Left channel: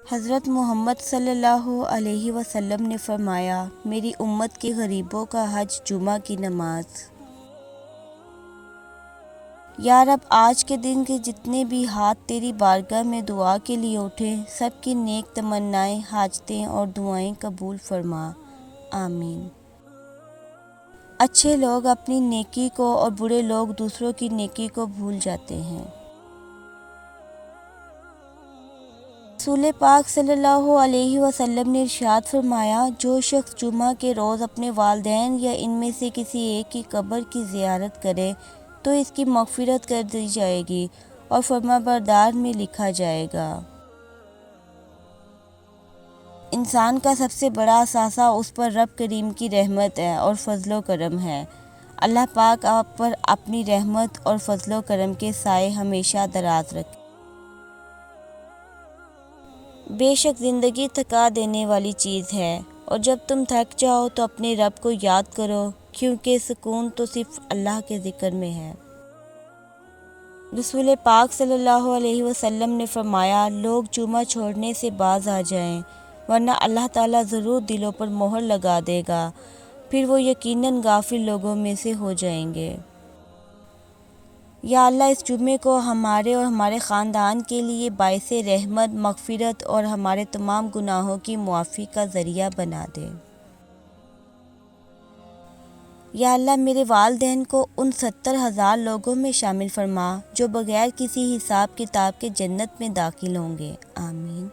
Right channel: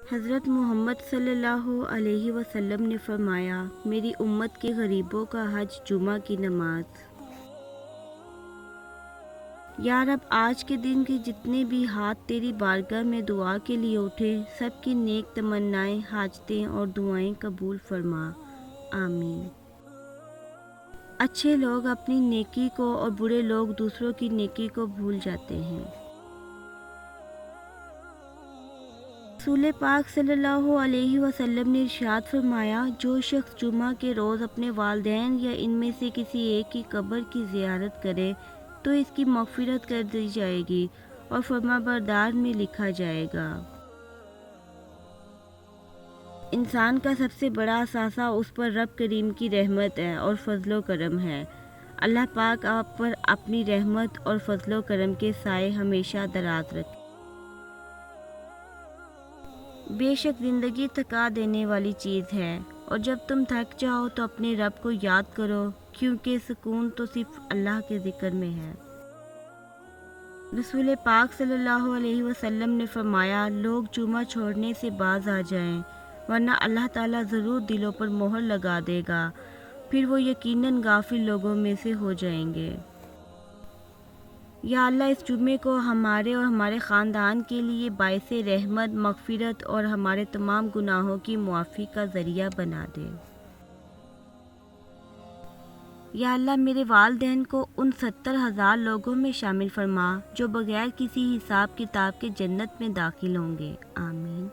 حضرت محمد صلی اللہ علیہ وسلم نے فرمایا، میری امت کے غریبوں کا حج جمعہ کی نماز۔ یا رب، آج کے دن کے جتنے بھی ہاتھ تیری بارگاہ میں دعا کے لیے اٹھے، سب کی نیک تمنائیں، حاجتیں اور دعائیں قبول فرما، آمین۔ اچھے لوگ اپنی نیکی کو اور برے لوگ دوسروں کی نیکی کو بھول جاتے ہیں۔ رسول پاک صلی اللہ علیہ وسلم نے ارشاد فرمایا، جو شخص جمعہ کے روز اپنے والدین یا ان میں سے کسی ایک کی قبر کی زیارت کرے تو اس کی مغفرت کر دی جائے گی اور فرمانبردار میں لکھا جائے گا۔ انسان کا سب سے بڑا اثاثہ اس پر رب کریم کی رحمت ہے اور فضل و کرم ہے۔ اللہ پاک آپ پر اپنی رحمت اور فضل و کرم کے سائے ہمیشہ دراز رکھے۔ بے شک زندگی تھکا دینے والی چیز ہے، اور جب تم تھک جاؤ تو اپنے رب کو یاد کرو، کیونکہ سکون تو صرف اللہ کے ذکر میں ہے۔ رسول پاک صلی اللہ علیہ وسلم نے فرمایا، لوگ جمعہ چھوڑنے سے باز آ جائیں، ورنہ اللہ تعالیٰ ضرور دلوں پر مہر لگا دے گا، پھر وہ یقیناً غافل لوگوں میں سے ہو جائیں گے۔ یا اللہ، اس جمعے کو ہمارے اور ہمارے خاندان کے لیے باعث رحمت، مغفرت اور ہمارے تمام گناہوں کی معافی کا ذریعہ بنا دے۔ یا اللہ، میرے والدین کو ان 70,000 لوگوں میں شامل فرما جو بغیر کسی حساب کتاب کے جنت میں داخل ہوں گے، آمین۔